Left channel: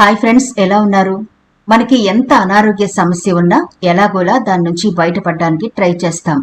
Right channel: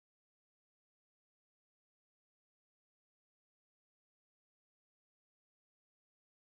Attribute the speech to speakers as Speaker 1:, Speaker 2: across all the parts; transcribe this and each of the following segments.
Speaker 1: Hi friends ఎలా ఉన్నారు? మనకి ఎంత అనారోగ్య సమస్య ఉన్నా ఎలాగోలా దాని నుంచి బయటపడడానికి ట్రై చేస్తాం.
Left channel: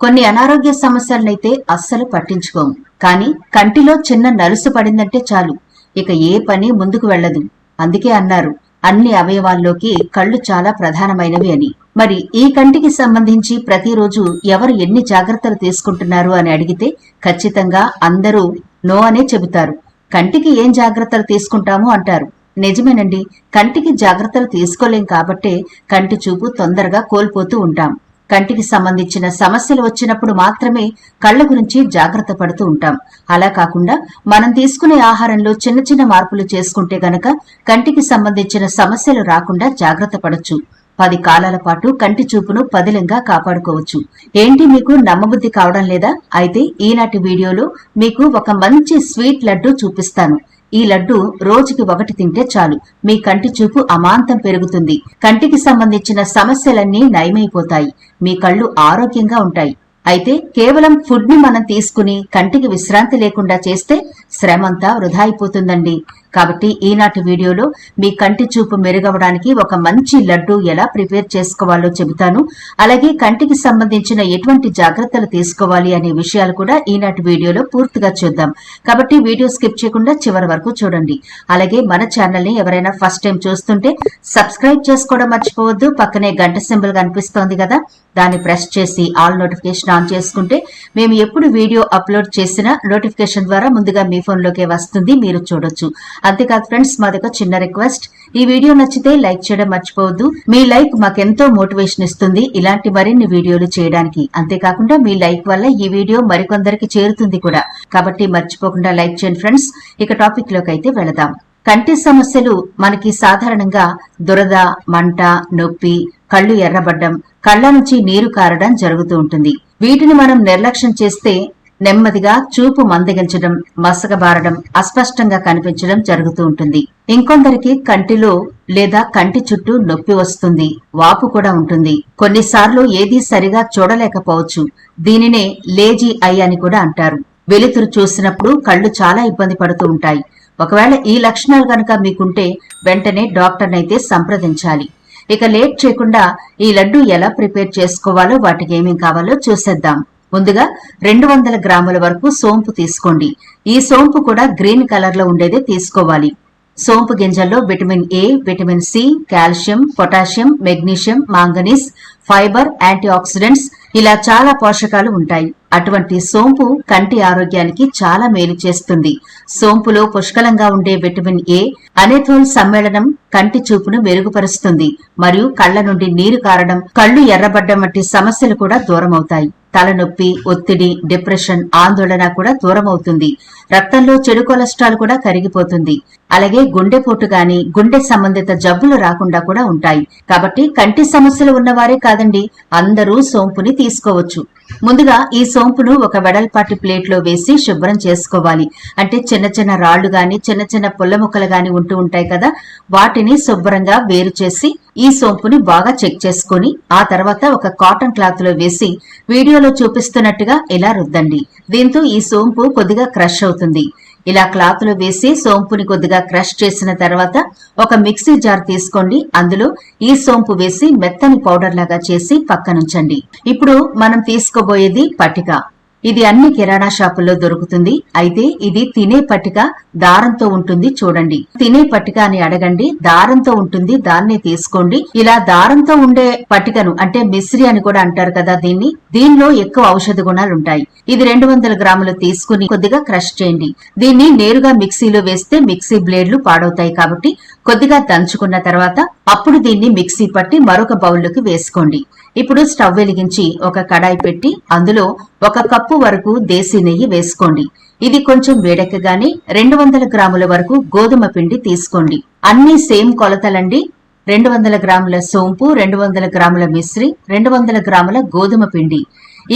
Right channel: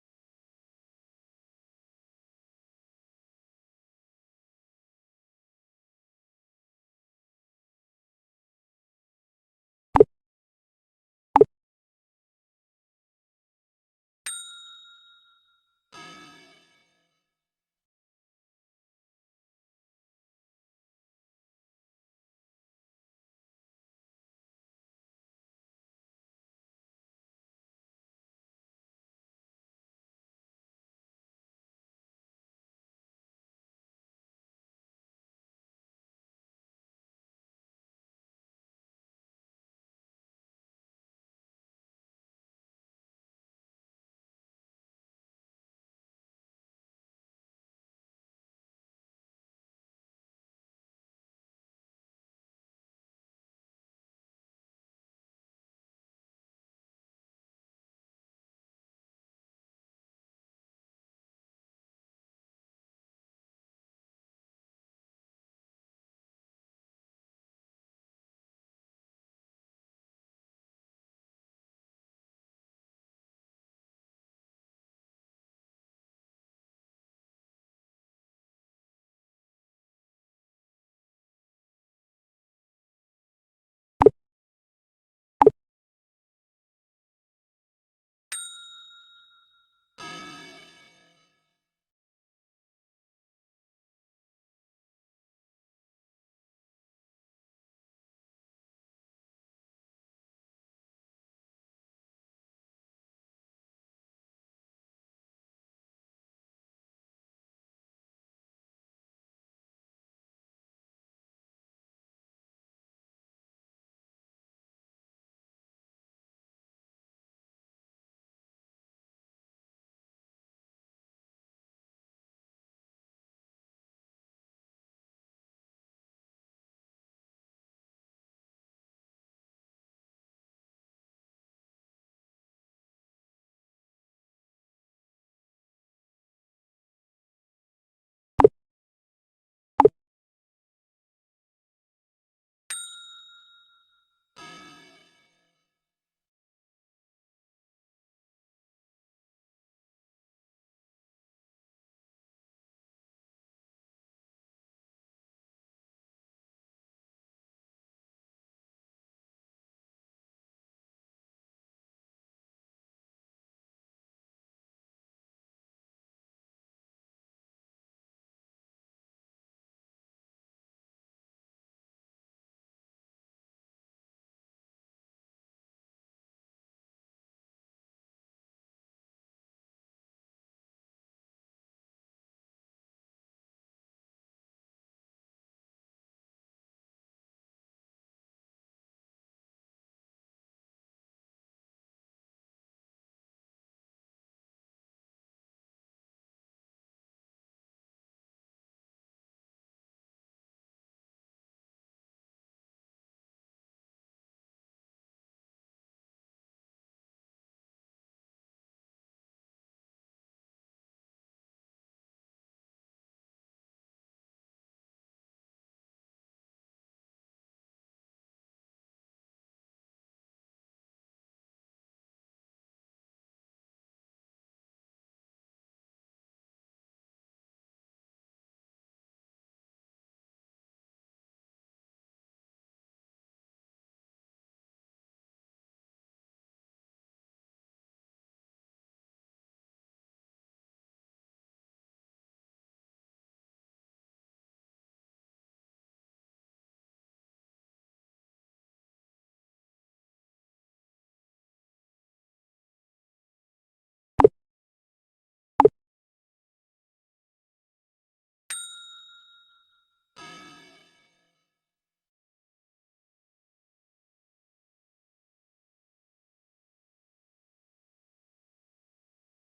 Speaker 1: కొన్ని అనారోగ్య సమస్యలనైతే అస్సలు పట్టించుకోము కానీ కంటిలో చిన్న నలుసు పడిందంటే చాలు. ఇక ఏ పని ముందుకు వెళ్ళదు. అందుకే అన్నారు అన్ని అవయవాల్లోకి కళ్ళు చాలా ప్రధానమైనవి అని. మరి ఈ కంటికి సంబంధించి ప్రతిరోజు ఎవరు ఎన్ని జాగ్రత్తలు తీసుకుంటున్నారు అని అడిగితే ఖచ్చితంగా అందరూ నో అనే చెబుతారు. కంటికి ఏం జాగ్రత్తలు తీసుకుంటాము అంటారు. నిజమేనండి. కంటికి జాగ్రత్తలు తీసుకోలేం కాబట్టే కంటి చూపు తొందరగా కోల్పోతూ ఉంటాం. కంటికి సంబంధించిన సమస్యలు వచ్చినప్పుడు మాత్రమే కళ్ళ గురించి జాగ్రత్త పడుతూ ఉంటాం. అలా కాకుండా మనం తీసుకునే ఆహారంలో చిన్న చిన్న మార్పులు చేసుకుంటే గనక కంటికి సంబంధించిన సమస్యలు రాకుండా జాగ్రత్త పడచ్చు. పది కాలాల పాటు కంటి చూపును పదిలంగా కాపాడుకోవచ్చు. ఏంటి మీకు నమ్మబుద్ధి కావడం లేదా? అయితే ఈనాటి వీడియోలో మీకు ఒక మంచి స్వీట్ లడ్డు చూపిస్తాను. ఈ లడ్డు రోజుకి ఒకటి తింటే చాలు. మీ కంటి చూపు అమాంతం పెరుగుతుంది. కంటికి సంబంధించిన సమస్యలన్నీ నయమైపోతాయి. మీ కళ్ళు ఆరోగ్యంగా ఉంటాయి. అయితే కేవలం ఫుడ్ని మనం తీసుకుని కంటికి విశ్రాంతి లేకుండా చేస్తే శ్రమంతా వృధా అయిపోతుందండి. కాబట్టి ఈనాటి వీడియోలో మీ కంటి చూపు మెరుగవడానికి ఒక మంచి లడ్డు ఎలా ప్రిపేర్ చేసుకోవాలో చెబుతాను. అలాగే కంటికి సంబంధించిన ఎటువంటి జాగ్రత్తలు తీసుకోవాలి అనే విషయాలు కూడా ఈనాటి వీడియోలో పూర్తిగా చూద్దాం. కాబట్టి వీడియో స్కిప్ చేయకుండా చివరి వరకు చూడండి. అలాగే మన ఛానల్ని ఎవరైనా ఫస్ట్ టైం చూస్తుంటే సబ్స్క్రైబ్ చేసుకోవడం మర్చిపోవద్దు. పక్కనే గంట సింబల్ కనిపిస్తోంది కదా దాన్ని ప్రెస్ చేసి ఆల్ నోటిఫికేషన్ ఆన్ చేసుకుంటే మేము ఎప్పుడు వీడియో అప్లోడ్ చేసినా నోటిఫికేషన్ ద్వారా ముందుగా మీ ఫోన్లోకే వస్తుంది మీరు చూడొచ్చు. అంతేకాదు ఫ్రెండ్స్ మాదొక చిన్న రిక్వెస్ట్. ఈ వీడియో నచ్చితే లైక్ చేయడం మర్చిపోవద్దు. మీ లైక్ మాకెంతో మోటివేషన్ ఇస్తుంది ఇలాంటి మరిన్ని వీడియోలు చేయడానికి. అంతేకాకుండా మీ లైక్ వల్ల ఈ వీడియో మరికొందరికి చేరుతుంది కూడా. కాబట్టి మర్చిపోకుండా లైక్ చేయండి ఫ్రెండ్స్. ఇక టాపిక్లోకి అయితే వెళదాం. కంటి సమస్యలు మనకి సాధారణంగా దురద మంట నొప్పి కళ్ళు ఎర్రబడ్డం కళ్ళ నుంచి నీరు కారడం జరుగుతూ ఉంటుంది. వీటిని మనం నిర్లక్ష్యం చేస్తే నెమ్మదిగా చూపు మందగించడం మసకబారడం అస్పష్టంగా కనిపించడం జరుగుతూ ఉంటుంది. ఇంకొందరికి కంటిలో లేదా కంటి చుట్టూ నొప్పి వస్తుంది వాపు కూడా ఉంటుంది. కొన్నిసార్లు ఏదీ సరిగా చూడలేకపోవచ్చు. దీనినే లేజీ ఐ అని కూడా అంటారు. వెలుతురు చూసినప్పుడు కళ్ళు చాలా ఇబ్బంది పడుతూ ఉంటాయి. ఒకవేళ ఈ లక్షణాలు కనుక మీకుంటే వెంటనే డాక్టర్నైతే సంప్రదించాలి. ఇక లేట్ చేయకుండా ఈ లడ్డు ఎలా ప్రిపేర్ చేసుకోవాలో వాటికి ఏమేం కావాలో చూసేద్దాం. ముందుగా రెండు వందల గ్రాముల వరకు సోంపు తీసుకోండి. ఈ సోంపు కూడా గ్రీన్ కలర్లో ఉండేదే తీసుకోవాలి. సోంపు గింజల్లో vitamin A vitamin C calcium potassium magnesium manganese fibre anti oxidants ఇలా చాలా పోషకాలు ఉంటాయి. అటువంటి సోంపు కంటి ఆరోగ్యానికి చాలా మేలు చేస్తుంది. సోంపులో పుష్కలంగా ఉండే విటమిన్ ఏ అనేథోల్ సమ్మేళనం కంటి చూపును మెరుగుపరుస్తుంది మరియు కళ్ళ నుండి నీరు కారడం కళ్ళు ఎర్రబడ్డం వంటి సమస్యలు కూడా దూరమవుతాయి. తలనొప్పి ఒత్తిడి డిప్రెషన్ ఆందోళన కూడా దూరం అవుతుంది రక్తంలో చెడు కొలెస్ట్రాల్ కూడా కరిగిపోతుంది. అలాగే గుండెపోటు గాని గుండె సంబంధిత జబ్బులు రాకుండా కూడా ఉంటాయి. కాబట్టి కంటి సమస్యలు ఉన్నవారే కాదండి అందరూ సోంపుని తీసుకోవచ్చు. ముందుగా ఈ సోంపును ఒక వెడల్పాటి ప్లేట్లో వేసి శుభ్రం చేసుకోవాలి. అంటే చిన్న చిన్న రాళ్ళు గాని చిన్న చిన్న పుల్ల ముక్కలు గాని ఉంటూ ఉంటాయి కదా వాటిని శుభ్రంగా వేరు చేసి ఈ సోంపుని బాగా చెక్ చేసుకుని ఆ తర్వాత ఒక కాటన్ క్లాత్లో వేసి వీడియోలో చూపిస్తున్నట్టుగా ఇలా రుద్దండి. దీంతో ఈ సోంపు కొద్దిగా క్రష్ అవుతుంది. ఇలా క్లాత్లో వేసి సోంపుని కొద్దిగా క్రష్ చేసిన తర్వాత ఒక మిక్సీ జార్ తీసుకోండి. అందులో ఈ సోంపు వేసి మెత్తని పౌడర్ లాగా చేసి పక్కనుంచండి. ఇప్పుడు మనం తీసుకోబోయేది పటిక. ఇది అన్ని కిరాణా షాపుల్లో దొరుకుతుంది. అయితే ఇది తినే పట్టిక దారంతో ఉంటుంది చూడండి. తినే పట్టిక అని అడగండి. దారంతో ఉంటుంది. దాన్నే తీసుకోండి. ఇలా దారంతో ఉండే పట్టికను అంటే మిశ్రి అని కూడా అంటారు కదా దీన్ని. దీనిలో ఎక్కువ ఔషధ గుణాలు ఉంటాయి. ఇది రెండు వందల గ్రాములు తీసుకుని కొద్దిగా క్రష్ చేయండి. దీన్ని నేరుగా మిక్సీలో వేస్తే మిక్సీ బ్లేడ్లు పాడవుతాయి కాబట్టి కొద్దిగా దంచుకున్న తర్వాత అప్పుడు దీన్ని మిక్సీ పట్టి మరొక బౌల్లోకి వేసుకోండి. ఇప్పుడు స్టవ్ వెలిగించి ఒక కడాయి పెట్టి అందులో ఒక కప్ కప్పు వరకు దేశీ నెయ్యి వేసుకోండి. ఇది కొంచెం వేడెక్కగానే రెండు వందల గ్రాముల వరకు గోధుమ పిండి తీసుకోండి. అన్ని సేమ్ కొలతలండి. రెండు వందల గ్రాముల సోంపు రెండు వందల గ్రాముల మిశ్రి రెండు వందల గ్రాముల గోధుమ పిండి.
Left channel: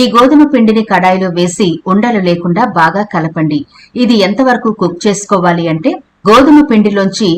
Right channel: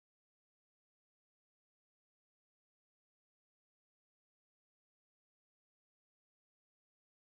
Speaker 1: ఈ గోధుమ పిండిని కడాయిలో వేసి ఉండలు లేకుండా బాగా కలపండి. ఇది ఎంతవరకు కుక్ చేసుకోవాలి అంటే గోధుమ పిండిలోంచి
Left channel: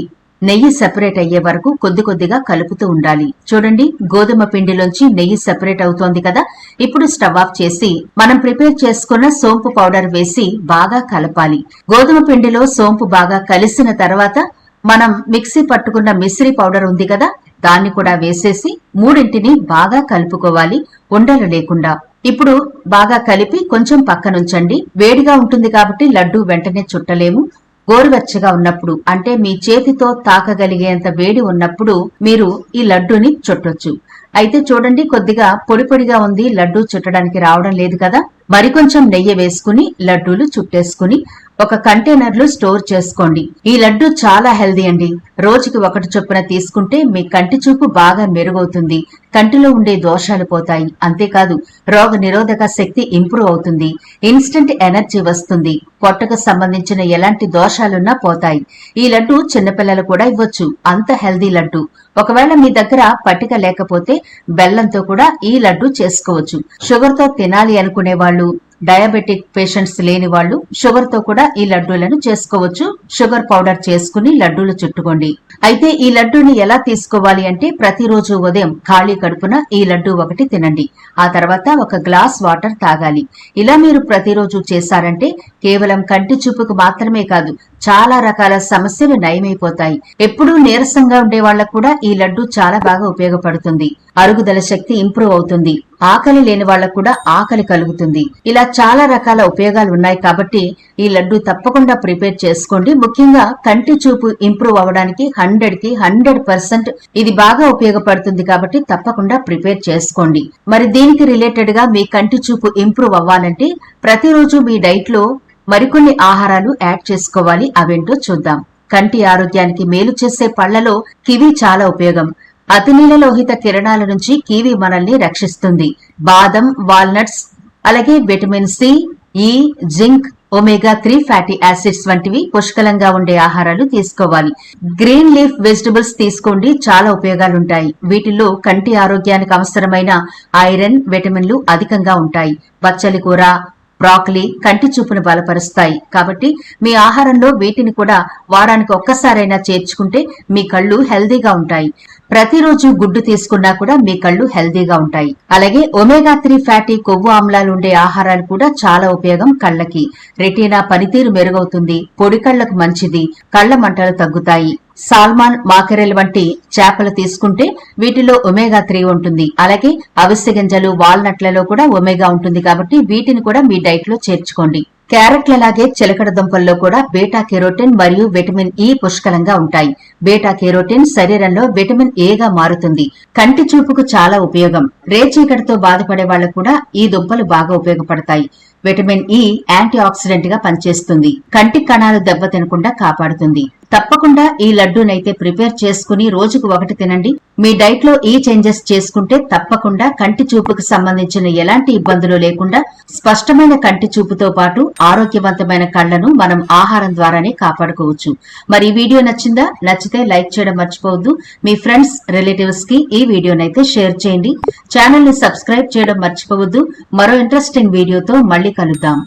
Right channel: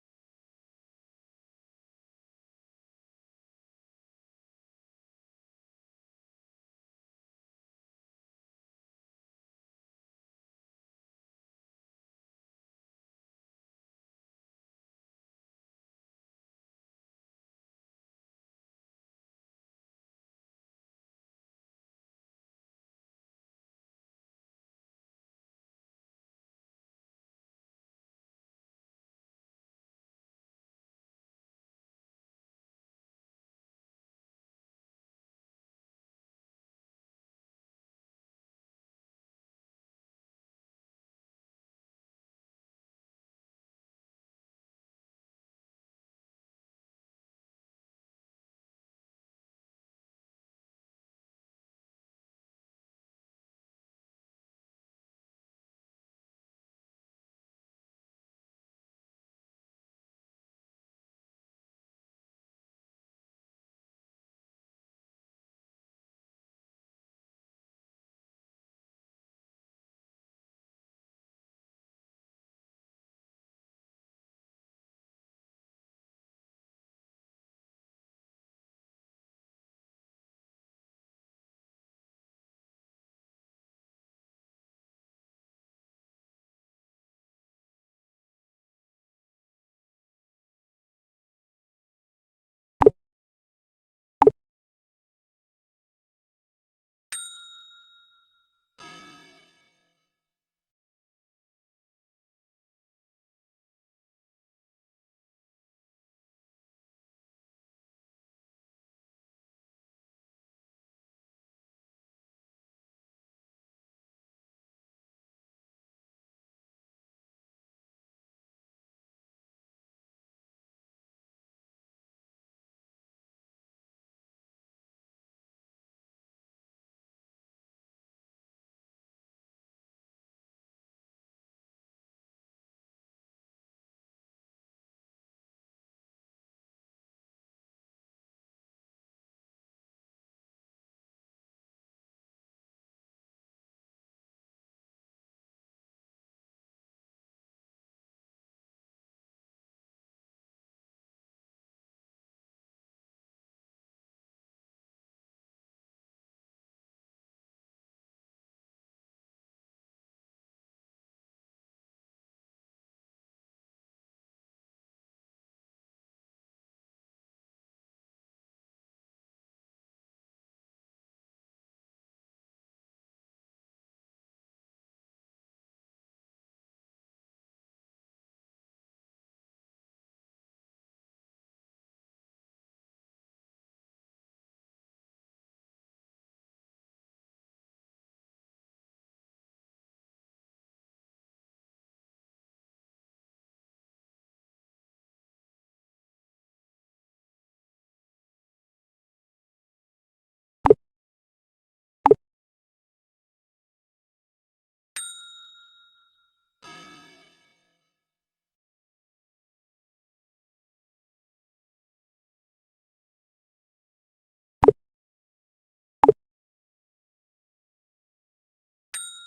Speaker 1: నెయ్యి సెపరేట్ అయ్యే వరకు కొద్ది కొద్దిగా కలుపుతూ ఉండాలి. చూడండి గోధుమ పిండిలోంచి నెయ్యి సెపరేట్ అవుతోంది కదా? ఇప్పుడు స్టవ్ ఆఫ్ చేసి మనం ప్రిపేర్ చేసుకున్న సోంపు పౌడర్ వేసి బాగా కలపాలి. గోధుమ పిండిలో సోంపు బాగా కలిసిన తర్వాత మనం మిక్సీ పట్టుకున్న మిశ్రీ పౌడర్ ఉంది కదా? దాన్ని కూడా వేసేసి మూడింటిని బాగా కలుపుకోవాలి ఉండలు లేకుండా. ఇప్పుడు బాగా కలిపి కొంచెం పక్కనుంచండి. వేడిగా ఉంటుంది కాబట్టి లడ్డు వెంటనే చుట్టలేము. గోరువెచ్చగా ఉన్నప్పుడు అంటే మీ చేతితో తాకగలిగేంత వేడి ఉన్నప్పుడు మీరు ఈ లడ్డూని చుట్టొచ్చు. అయితే చూడండి కొద్దిగా పొడి పొడిగా ఉంది లడ్డూ చుట్టడానికి రావడం లేదు కదా? మరికొంచెం నెయ్యి వేసుకుని లడ్డూలు చుట్టేసుకుని ఒక కంటైనర్లో స్టోర్ చేసుకోండి. ఈ లడ్డు చాలా హెల్దీ అండి. రోజుకి ఒకటి చొప్పున తీసుకుంటే మీ కంటి చూపు బాగా మెరుగవుతుంది. కంటిలో ఉండే దోషాలు పోతాయి. అంతేకాదు రోగ నిరోధక శక్తి ఇంప్రూవ్ అవుతుంది. ఇన్స్టెంట్ ఎనర్జీ వస్తుంది. పొట్టకు సంబంధించిన ఎలాంటి దోషాలున్నా పోతాయి. ఈ లడ్డు చిన్నపిల్లలు కూడా ఇవ్వచ్చు. అంత హెల్దీ లడ్డు. ఒకవేళ మీ దగ్గర పట్టిక లేకపోతే బెల్లంతో కూడా ఈ లడ్డు చేసుకోవచ్చు. షుగర్తో తినాలి అనుకునే వాళ్ళు డయాబెటిక్ పేషెంట్స్ లేని వాళ్ళు షుగర్తో కూడా ఈ లడ్డూలను చేసుకోవచ్చు. షుగర్ పౌడర్ చేసుకుని లడ్డూలు చుట్టుకోండి. అయితే ఈ లడ్డూని ఎలా తీసుకోవాలి అంటే ప్రతిరోజు ఉదయం ఖాళీ కడుపున ఈ లడ్డు ఒకటి తినండి. ఆ తర్వాత ఒక గ్లాస్ వాటర్ తాగాలి. ఇలా మీరు ప్రతిరోజు చేశారంటే కేవలం కంటి చూపుకు మాత్రమే కాదు చాలా రకాల సమస్యలు నయమైపోతాయి. ఎప్పుడూ నీరసంగా ఉండే వాళ్ళకు కూడా ఈ లడ్డు చాలా బాగా ఉపయోగపడుతుంది. అరుగుదల శక్తి ఇంప్రూవ్ అవుతుంది. ఆకలి లేని వాళ్ళకు కూడా ఆకలి కలుగుతుంది. ఇలా చాలా రకాల ఉపయోగాలు ఉన్నాయి కాబట్టి ఈ లడ్డు తప్పకుండా ప్రిపేర్ చేసుకోండి. ముఖ్యంగా కంటి చూపు ఇంప్రూవ్ అవ్వడానికి హండ్రెడ్కి హండ్రెడ్ పర్సెంట్ ఇది బాగా ఉపయోగపడుతుంది కాబట్టి తప్పకుండా ప్రిపేర్ చేసుకోండి. మరి దీనికి రిలేటెడ్గా మీ కంటి చూపు ఇంప్రూవ్ అవ్వాలంటే ప్రతిరోజు మీ డైట్లో మరికొన్ని ఆహారాలు యాడ్ చేసుకోవాలి. అవేంటో చూద్దాం. కంటి ఆరోగ్యానికి మేలు చేసే పళ్ళలో కివి చాలా ఉపయోగం. అతినీలలోహిత కిరణాల నుంచి కివి మనల్ని రక్షిస్తుంది. బాదం వాల్నట్స్ అలాగే vitamin C E zinc omega three fatty acids వంటివి పుష్కలంగా ఉండే ఆహారాలు తీసుకోవాలి. గ్రీన్ లీఫ్ వెజిటబుల్స్ తీసుకోండి. చాలా ఉపయోగాలుంటాయి. వీటిల్లో కంటి ఆరోగ్యానికి అవసరమైన ఐరన్ విటమిన్లు అధికంగా ఉంటాయి. పచ్చలి కూర బ్రాకలీ కంటి చూపును బలపరుస్తాయి. కాబట్టి మీ ఆహారంలో వీటిని కూడా వారానికి ఒక్కసారైనా చేర్చుకుంటే మీ కళ్ళు హెల్దీగా ఉంటాయి. ప్రతిరోజు గుడ్డు తీసుకున్నా కూడా మీ కళ్ళు హెల్దీగా ఉంటాయి. అలాగే ఒమేగా త్రీ ఫ్యాటీ కొవ్వు ఆమ్లాలు ఉండే ఆహారాలు కూడా చాలా ఉపయోగం కళ్ళకి. రెటీనా పనితీరు మెరుగవుతుంది. పొడి కళ్ళకు మంచిది. కళ్ళ మంటలు తగ్గుతాయి. సాల్మాన్ మాకెరెల్ వంటి చేపలు తీసుకుంటే వీటిలో ఒమేగా త్రీ ఉంటుంది. అలాగే అవిసె గింజలు వాల్నట్లలో కూడా ఒమేగా ఉంటుంది కాబట్టి వీటిని కూడా మీ డైట్లో చేర్చుకోండి. క్యారెట్లలాగే చిలకడ దుంపల్లో కూడా బీటా కెరోటిన్ మరియు విటమిన్ ఇ పుష్కలంగా ఉంటాయి. బీటా కెరోటిన్ శరీరంలో విటమిన్ ఏగా మారుతుంది. కంటి చూపుకు చాలా ఉపయోగం. రేచీకటితో బాధపడే వాళ్ళకు కూడా ఈ దుంపలు బాగా ఉపయోగపడతాయి. విటమిన్ e ఇ యాంటీ ఆక్సిడెంట్గా పనిచేస్తుంది. కంటి కణాలు దెబ్బతినకుండా కాపాడుతుంది. తప్పకుండా ఈ లడ్డూనైతే ప్రిపేర్ చేసుకుని రోజుకు ఒకటి తినండి. మీ డైట్లో ఈ చేంజెస్ చేసుకుంటే తప్పకుండా కంటి చూపుకు సంబంధించిన ఎలాంటి ఇబ్బందులు లేకుండా స్పష్టమైన కంటి చూపుతో పాటు ఆరోగ్యవంతమైన కళ్ళను మనం ఆహారం ద్వారానే కాపాడుకోవచ్చు. మరి ఈ వీడియో నచ్చిందా? నచ్చితే లైక్ చేయడం మర్చిపోవద్దు. మీ ఫ్రెండ్స్ రిలేటివ్స్కి ఈ వీడియోనైతే షేర్ చేయండి. ఛానల్ని సబ్స్క్రైబ్ చేయడం మర్చిపోవద్దు. మరో ఇంట్రెస్టింగ్ వీడియోతో మళ్ళీ కలుద్దాం.